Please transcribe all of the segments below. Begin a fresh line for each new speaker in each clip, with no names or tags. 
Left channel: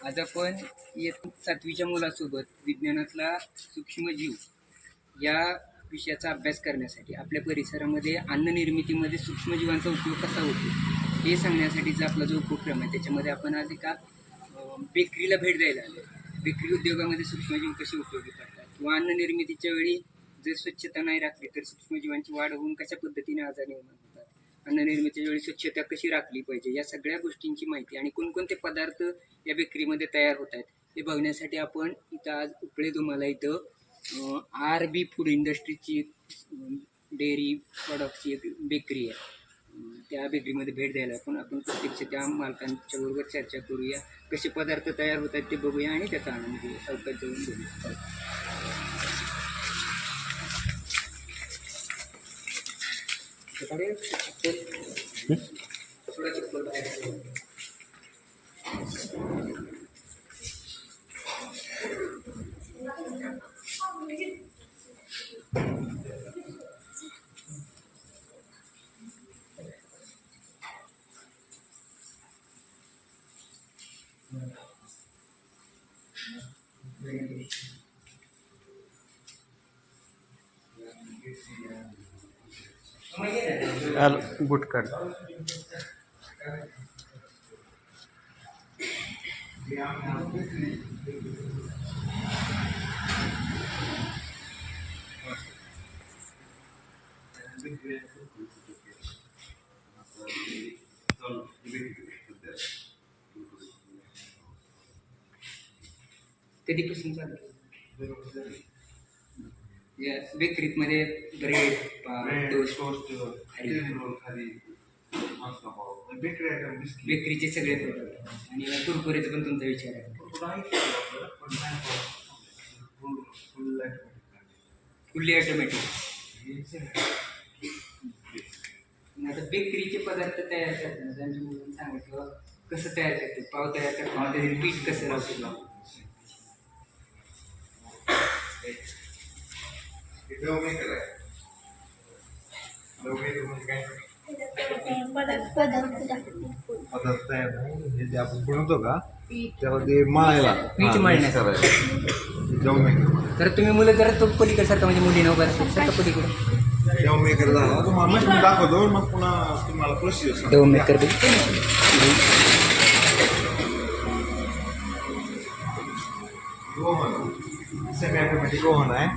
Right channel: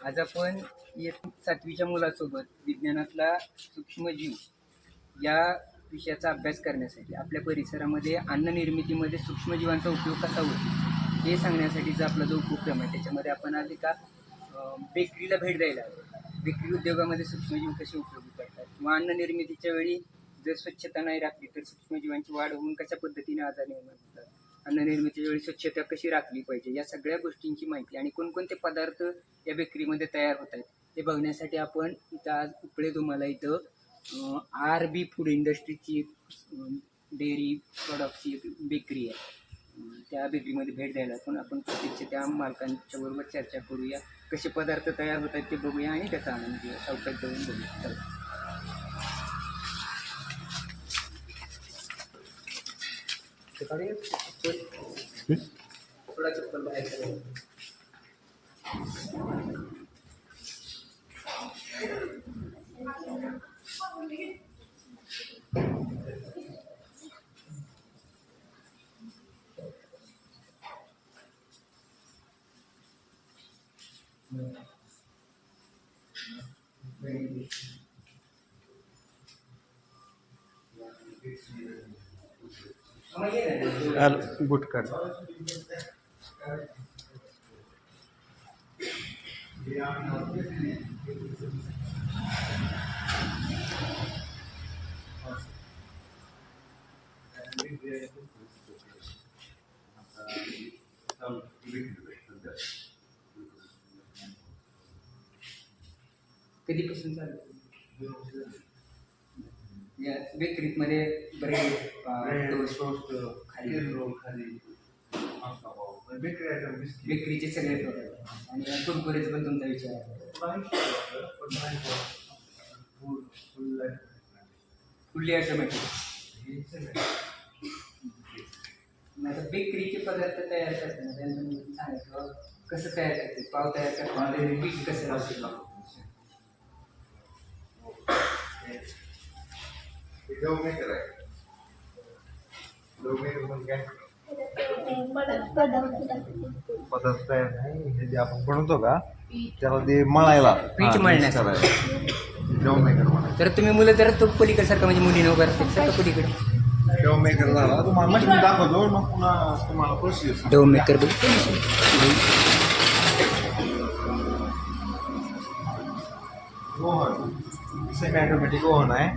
आज आपण येत सातवीच्या मुलासोबत विज्ञानातला सूक्ष्मजीव या विषयाचा अभ्यास करण्यासाठी आपल्या परिसरामध्ये अन्न निर्मितीमध्ये सूक्ष्मजीवांचा उपयोग कसा होतो हे सांगण्यासाठीचा आपला जो उपक्रम आहे त्याच्यामध्ये आपण आज एका बेकरीला भेट द्यायला आलो बेकरी उद्योगामध्ये सूक्ष्मजीव कसे उपयोगी पडतात किंवा अन्न निर्मितीच्या वेळी जर स्वच्छता नाही राखली तर सूक्ष्मजीवांची वाढ होऊन कशा पद्धतीने आजार निर्माण होतात? अन्ननिर्मितीच्या वेळी स्वच्छता कशी राखली पाहिजे? या सगळ्या गोष्टींची माहिती आणि कोणकोणते पदार्थ या बेकरीमध्ये तयार होत आहेत हे बघण्यासाठी आपण इथं आज उपळे तुम्हाला इथं आर बी फूड इंडस्ट्रीची डेअरी प्रॉडक्टची एक बेकरी आहे. त्या बेकरीमध्ये भेट द्यायला आपण आपण प्रत्यक्ष त्या मालकांच्या बरोबर चर्चा करूया कसे पदार्थ तयार होत आहेत ते बघूया आणि त्याचा आनंद घेऊया. चौकात जाऊन बघूया. चला. सकाळी चप्पल थोडा चप्पल बाहेर ठेवा. मग ये ना.
आल बुट काढ
कधीपासून चालू या बेकरीत मध्ये ब्रेड टोस्ट खारी बेकरीचे सगळे प्रोडक्ट आणि कुरकुरीचं पण तुमचा विचार आहे. Fully automatic. आता बेकरीचे पदार्थ तयार करताना त्यांच्यामुळे सांगायचं बाबा कसं तयार करते पाव तयार करताना पीठ कसं असेल
पदार्थ तयार नाही हे जे आपण बनवतो का त्यामध्ये मळायला.
पीठ
हा. डो मेकर
तर तुम्ही मुलं जरा तो पलीकडसारखं म्हणजे मुलीनं वगैरे सारखं पलीकडे.
डो मेकर झाला. तुम्हाला मशीन दाखवतो मग पुन्हा तुम्हाला procedure
dough maker
oven semi automatic oven आहे.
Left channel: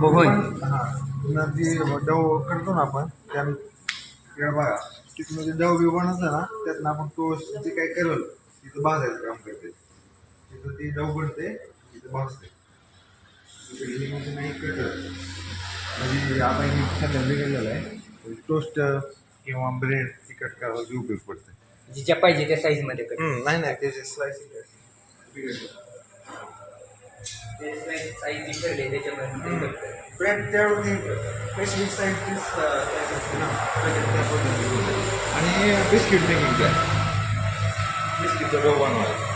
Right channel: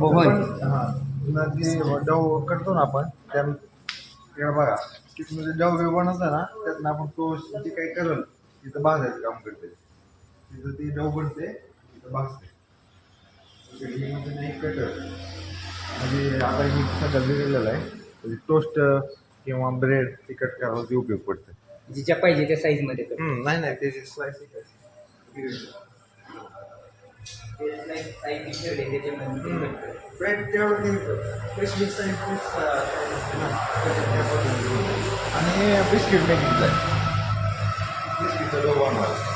ओव्हन
हा जे डव करतो ना आपण त्या इकडे बघा तिथून जे डव बी बनवतं ना त्यातनं आपण टोस्ट जे काही करल तिथं भाजायचं काम करते. तिथं ती डव बनते तिथं भाजते. म्हणजे नाही कटर म्हणजे आता ही सध्या बिघडलेलं आहे. टोस्ट किंवा ब्रेड तिखट करायला उपयोग पडते.
जिच्या पाहिजे त्या साईजमध्ये
नाही नाही त्याचे स्लाइस
साईज त्याच्यामध्ये.
ब्रेड त्यावरती साईज असते ना त्या पद्धतीने. आणि बिस्किट मेकिंगचं बिस्किटचं डो बनवायचा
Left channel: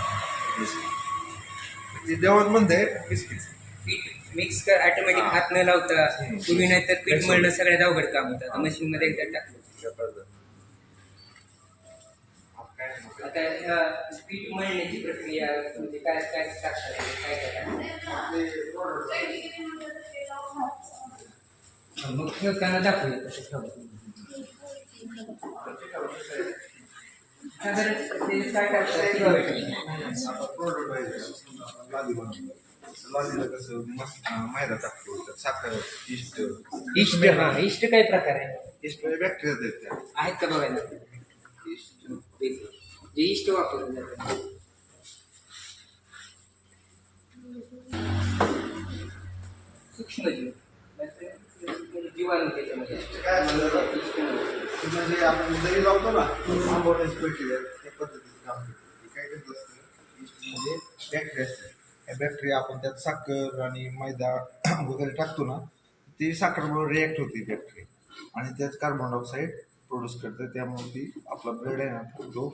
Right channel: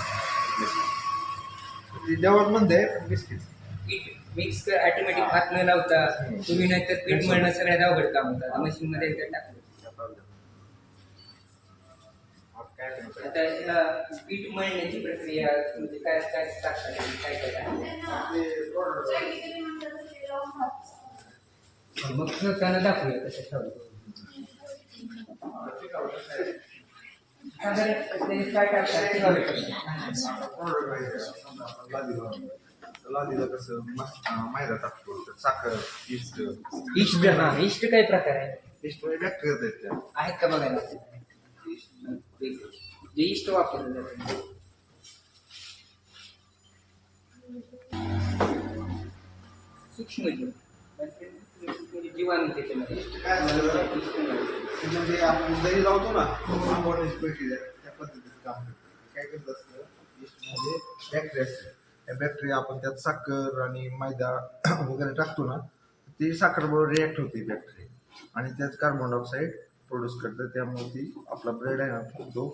ते जेवण म्हणते बिस्किट
पीठ मिक्स कर ऑटोमॅटिक हात न लावता तुम्ही नाहीतर पीठ मळणं सगळ्यात अवघड काम होतं. आता मशीन मध्ये एकदा टाकलं. आता ह्या पीठ मळण्याची प्रक्रिया म्हणजे काय काय टाकतात काय काय टाकतात मग ठेवताना दाखवूया कसं ठेवायचं साधारण ते काय.
लादीला कसं मस्त मैदा टाकतो त्यात साखर इष्ट
इष्ट हा इष्ट काय प्रकार आहे?
इष्ट बॅक्टेरिया आहेत त्या.
आहेत का बघायला? हे इष्ट वापरलं जातं सूक्ष्मजीव जीवाणू त्याच्यामध्ये
म्हणजे आपण दही लावतो ना आंबवण्याची त्या पद्धतीचं काम करतो काय करत असतं इस्ट म्हणजे बॅक्टेरिया असते त्या बॅक्टेरिया आपण त्यात साखर आणि मैदा वगैरे टाकतो ना ती साखरबरोबर रिॲक्ट होते बॅक्टेरिया आणि त्यात कार्बन डायऑक्साईड प्रोड्यूस करतं त्यामुळे ती आपला ब्रेड आहे ना तो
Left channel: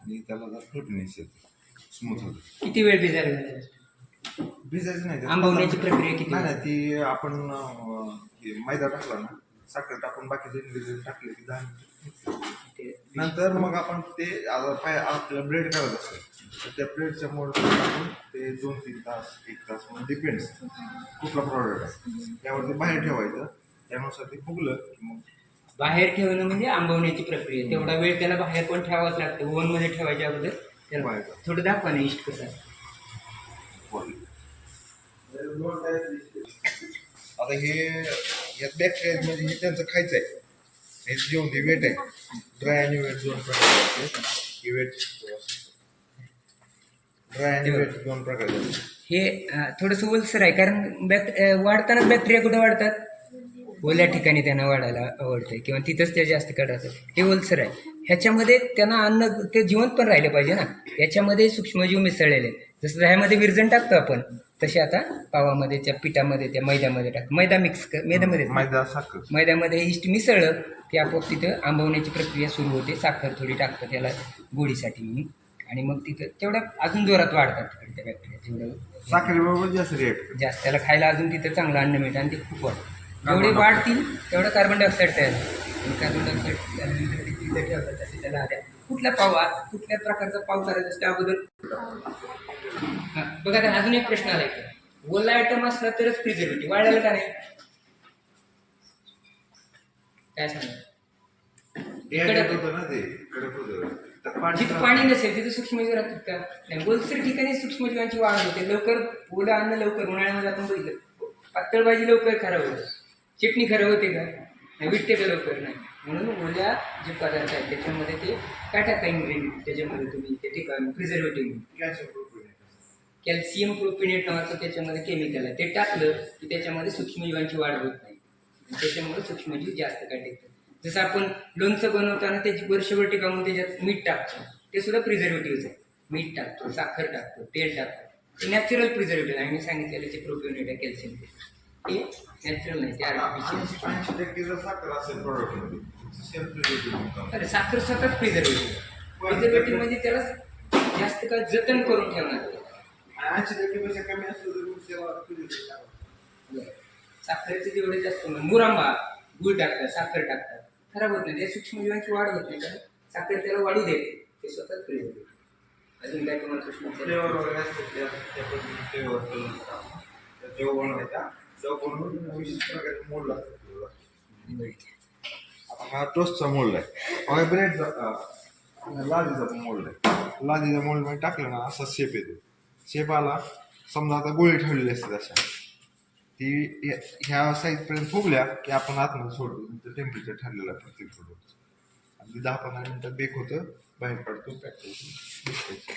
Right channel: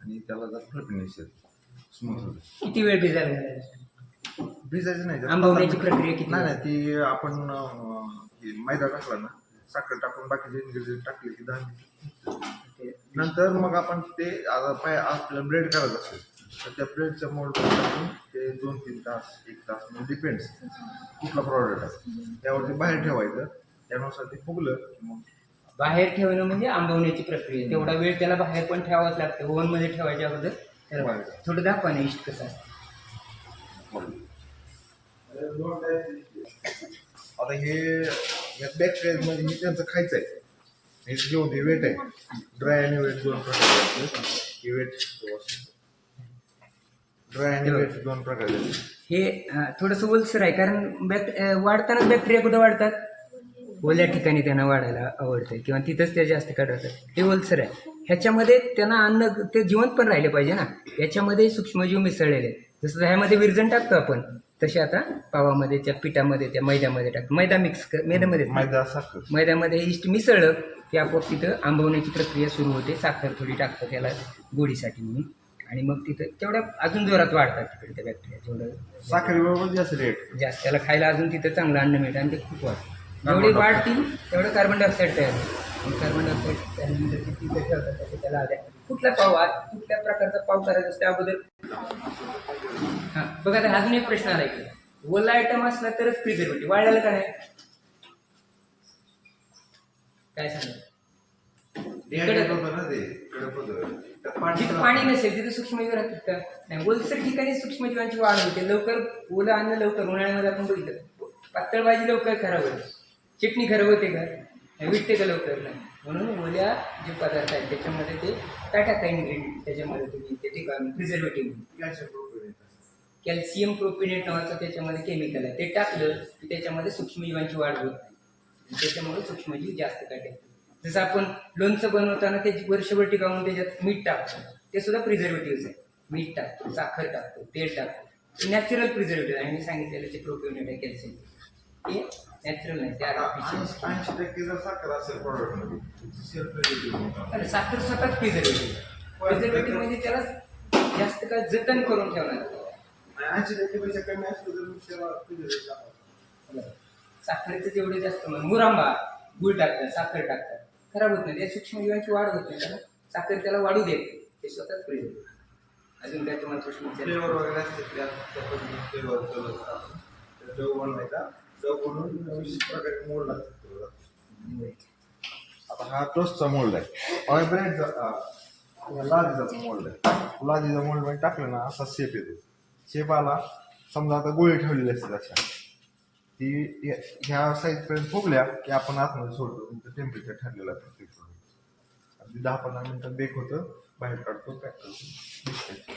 आणि त्याला जर फ्लिपनेस येते. स्मूथ होते.
किती वेळ लागला?
भिजायचं नाही. त्यात
आंबवण्याची प्रक्रिया किती?
नाही नाही ती आपण अं, हे मैदा टाकला ना साखर टाकून बाकीचे इन्ग्रेडियंट टाकले की दहा मिनिटं.
ते
नंतर मग आपण ते आता पाय आपल्याला ब्रेड करायचं असेल तर त्या प्लेटच्या मोड टाकून ते दोन तीन तास एक तास म्हणजे डिपेंड्स कुठला प्रॉडक्ट आहे. त्यावरती बाहेर ठेवायचं. त्यानुसार ते फुगलं की मग
बाहेर ठेवणं म्हणजे आंबवण्याची प्रक्रिया. तेवढा वेळ त्याला बाहेर पण ठेवावंच लागतं. ओव्हनमध्ये ठेवायच्या अगोदर त्याला. थोडं दाखवा ना इष्ट कसं
आता हे यात बॅक्टेरिया म्हणजे हे त्यांचं खायचं आहे. हे जेवण ते वेट आहे. ड्राय आणि वेट दोन प्रकारचे असते हे वेट ड्राय आणि वेट दोन प्रकारचे असते
हे थोडंसं ओलसर आहे. कारण बॅक अं, वाढतानाच बॅक्टेरिया कुठं वाढतात? ओल्या ठिकाणी त्यांना वाढायला आवडतं किंवा तिथंच ते जास्त काढतात हे ओलसर आहे. ह्याच्यामध्ये त्यांना अन्न ते जिवंत पण राहिले पाहिजे ना. याच्यामध्ये सूक्ष्मजीव मिसळलेले आहेत. जसं ह्यामध्ये विरजण टाकतो आपण तसे आता पावामध्ये त्या पिठामध्ये त्या मैद्यामध्ये टाक मैदा मिक्स कर मैद्यामध्ये मैद्यामध्ये इष्ट मिसळलं की आपोआप तिथं आंबवण्याची प्रक्रिया सुरू होते. साखर थोडी टाकतं त्याला गोडीसाठी म्हणून. आणि मग तिथं तेवढ्या अजून जोरात वाढतात तिकडे त्या बॅक्टेरिया जेवढं
साखरेबरोबर जास्त रेट
जास्त. त्याला खायला अजून तिथं चांगलं अन्न मिळतं आणि ते खूप वाढतं. जेवढे वाढतील तेवढं कार्बन डायऑक्साईड तयार होतं कार्बन डायऑक्साईड त्यानंतर त्याचे त्याला आद्या कुठला पाव आज कुठल्या प्रकारचा पाव करायचा असतो अगोदर? हां बघा आता अजून एक प्रश्न आला की ओला आयटम असला तरच प्रिझर्वेटिव्ह वाढायला का नाही? काय सांगा जिथं पाणी नसेल तिथं सूक्ष्मजीव राहतात का? नाही बोलसर ठिकाणी सूक्ष्मजीवांची वाढ होते. लवकर ओलं अन्न लवकर उन्हाळ्यामध्ये आपण बघितलं. पातळ भाजी लवकर खराब होते. चटणी खराब होते का? नाही विटते का लवकर? नाही. म्हणून ओल्या जे पदार्थ आहेत त्याच्यामध्ये ते काय टाका इन्ग्रेडियंट त्याच्यामध्ये तुम्ही ते ठिकाण प्रिझर्वेटिव्ह
कॅल्शियम
कॅल्शियम प्रोपिनेट नावाचं त्याच्यामध्ये केमिकल आहे. ते टाकलं की त्याच्यामध्ये सूक्ष्मजीवांची वाढ होत नाही. त्याच्यामुळे सूक्ष्मजीव जास्त काय टिकतात जसं आपण लोणचं बनवताना त्याची वर्षभर टिकावून त्याच्यात मीठ टाकतो. ते सुद्धा प्रिझर्वेटिव्हज आहे. मीठ टाकतो साखर टाकतो तेल टाकतो. ते नॅचरल प्रिझर्वेटिव्ह आहे. मी सांगितलेलं जे प्रोपिनेट आहे कॅल्शियम ते नॅचरल नाही ते आर्टिफिशियल
ऐंशी ऐंशी टक्के जर साखर असेल प्रॉडक्टमध्ये सेल्फ प्रिझर्वेटिव्ह म्हणतात.
अरे साखर स्वतःच प्रिझर्वेटिव्ह प्रिझर्वेटिव्ह म्हणजे त्याला जास्त काळ जतन करून ठेवणार
ऐंशी टक्केपेक्षा कमी असलं तर.
साखरेचं जेवढे जास्त मुरांबा गुळ टाकतात साखर टाकतात खराब होत नाही त्या सूक्ष्मजीवांची वाढ होत नाही कारण साखर त्याला वाढू देते ते स्वतःच प्रिय अजून काय तुम्हाला विचारायचे?
फ्लेवर वगैरे असते फ्लेवर बनवायचा जव बनवून प्रकारे मोड आता हा टोस्टचा मोल्ड आहे. हा ब्रेडचा लादीचा मोल्ड आहे. लादीचा मोल्डमध्ये म्हणजे टाकलं ना असा शेप येतो. शेप आला समजा आता गोळी ठेवलेली असते अशा ती ह्या- ह्या साईजपर्यंत फुगल्या की आपण आतमध्ये सोडतो. टेम्परेचर ठरलेलं आहे प्रत्येक प्रोडक्ट अगदी दहा पंधरा मिनिटात बेक होतं बाहेर काढतो पॅक करतो.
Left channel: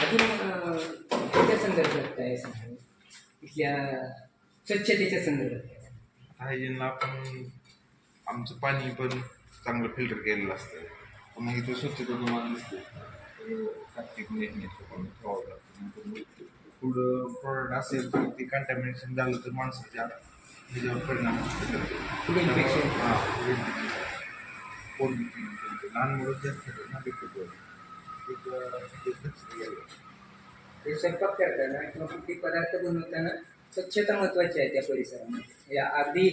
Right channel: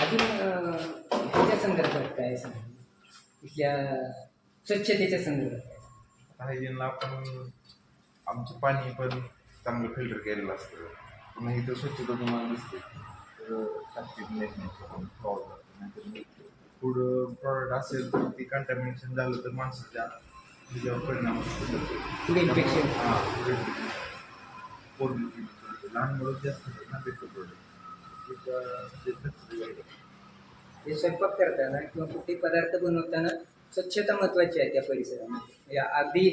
अजून संदर्भात काय इथल्या स्वच्छतेच्या संदर्भात
हायजीनला आपण आमचं पाणी पण चांगलं फिल्टर केलेलं असतं पुन्हा इथं स्वच्छता तुम्हाला दिसते तर प्लास्टिक नेटनेट आपण ठेवावं लागतं नाहीतर फूड प्रॉडक्ट असेल तर ते कंटॅमिनेशन झालं तर माणसाच्या ह्याच्यावर परिणाम.
Food infection.
हां पोट लहान मुलं जास्त ना बिकट प्रोडक्ट स्वच्छता लागते.
ते स्वयंपाक करताना किंवा कुठले पदार्थ बनवताना स्वच्छता महत्वाची आहे त्या परिसरामध्ये. अगदी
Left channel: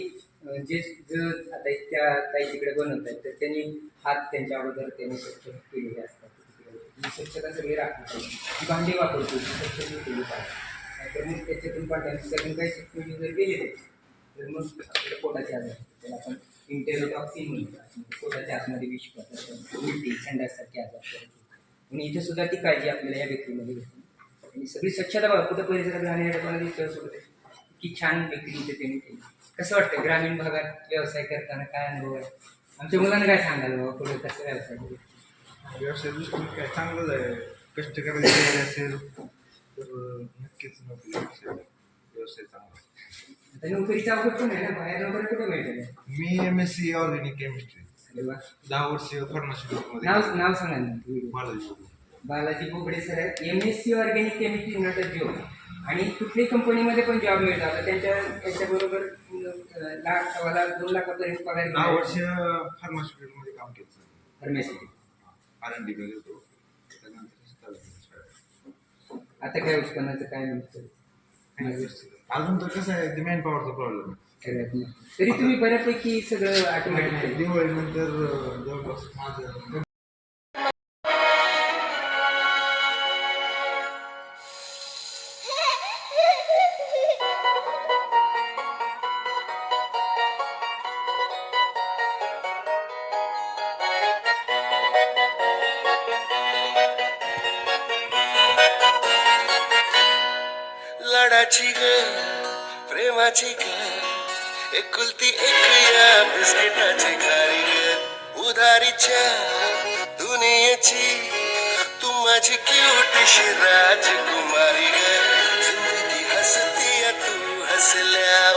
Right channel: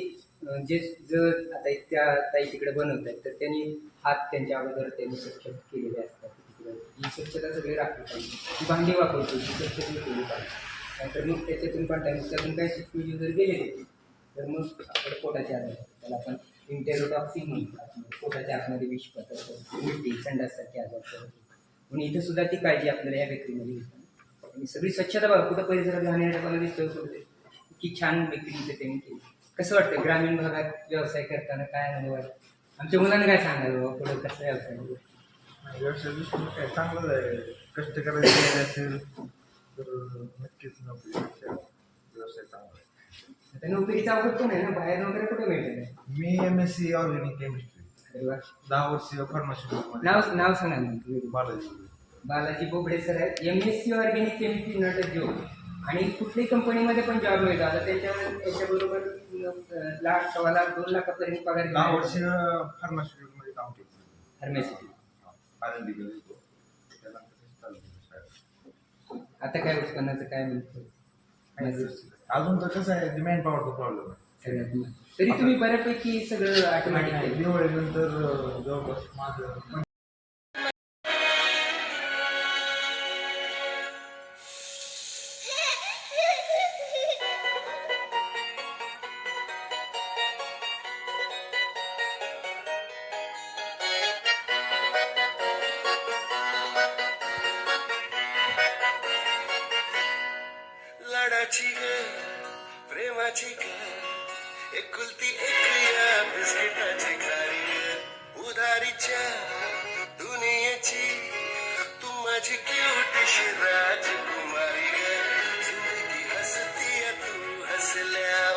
जे जर आता त्या ताई तिकडे बनवत आहेत तर त्यांनी हात त्यांच्या अगोदर त्यांनी स्वच्छ केलेले असतात. तिकडे ही स्वच्छता सगळी राखली पाहिजे. भांडी वापरतो ती स्वच्छ केली पाहिजे. नाहीतर मग त्याच्यातून कंटामिनेशन काही शिकवली जर गेले तर मग आपल्याला पोटाचे आजार त्याला आपण इंटेरोटॉक्सिन म्हणतो. पोटाच्या आतमध्ये विष पदार्थ उलटी संडाससारखे आजार करतो म्हणून इथे सुद्धा ती काळजी आपल्याला या बेकरीमध्ये घेतो आणि सगळी स्वच्छता बघा कुठं परिसरात घालण्याच्या मला दिसतं सोडते की छान बेकरी इथे त्यांनी केली. कसं वाटतं ग्रामीण भागात व्यवसाय करताना काय अनुभव आहे? आमच्या मुलांना काय सांगाल बाबा पुढे कसं व्यवसाय?
व्यवसाय दृष्टीने काय चांगलंच आहे. कष्ट करायची असेल तर नक्कीच नोकरीपेक्षा व्यवसाय चांगला आहे.
आता नोकरीचा अवघड पण आहे ना बाहेर नोकरी कुठे मिळते
मी M S C organic chemistry
अरे वा.
दहा वर्ष फार्मास्युटिकल
नाव नाव सांगा ना तुम्ही.
बालाजी.
बालाजी बोबडे सर आहेत. M S C organic chemistry नाटक घेऊन आणि कुठल्याही कंपनीमध्ये पण जॉब मिळतो. आता त्यांच्या याच्याबरोबर अं, लाख सव्वा लाख दोन लाखापर्यंत पगार
दहा वर्ष फार्मास्युटिकलमध्ये काम केलं
फार्मॅसिटी
आर एन डी होतो.
आता काय उत्पन्नाचं काय मिळतं.
अजून तर कसं आहे मॅन पॉवरचा प्रॉब्लेम आहे.
तरी तुम्ही बऱ्यापैकी सगळं ऑटोमॅटिक
दिवाळीनंतर जवळपास माझं
प्रेमाची ग प्रेमाची ग एकुलती एक या बिस्किटाची खारी ग उधारीच्या दुनियेची तू माझी क्यूटशी राजकुमारी? ग ज़िंदगी हसती तू हसल्यावर